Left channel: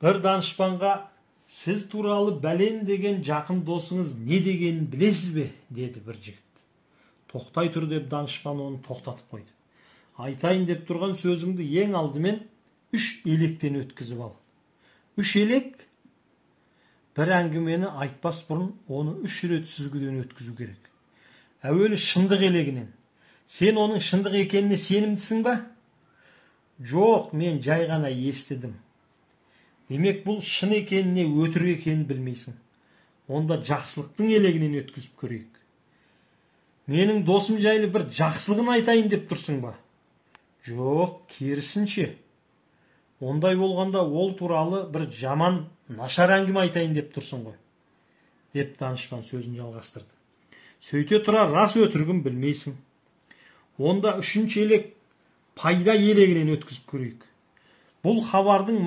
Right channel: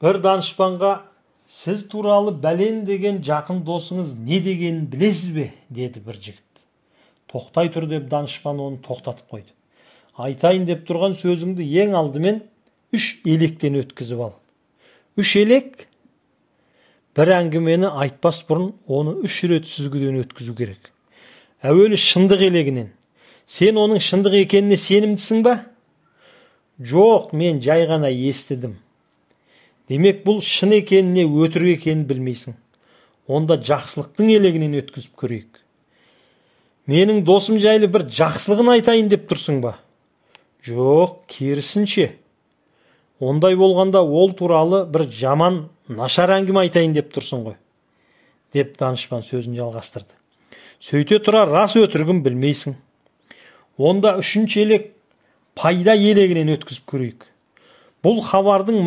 Bir danışmanға «Сіз туралы бәлен деген жақын досыңыз не дегенін білесіз бе?» деді бір жігіт. Тоқтай тұр деп данышпан оны тоқтатып қойды. Айтайын деп тұрған сөзіңді ең алдымен 3 електен өткізіп ал. 3 елек? Bir әңгімені айтпас бұрын оны 3 рет сүзгіден өткізу керек. Әуелі шындық елегінен. Сен оның шындық екеніне сенімдісің ба? Жоқ, мен жай ғана естідім. Демек бұл шын екеніне өтірік екенін білмейсің. Онда жақсылықтың елегінен өткізіп көрейік. Менің досым жайлы бір жақсылығын айтайын деп тұрсың ба? Жоқ, керісінше. Ондай болғанда ол туралы бір жаман, нашар әңгіме айтайын деп тұрсың ғой, деп данышпан сөзін жалғастырды. Сөйте тұра рас өтірігін білмейсің. Онда 3-ші елек пайда елегінен өткізіп көрейік. Бұл хабардың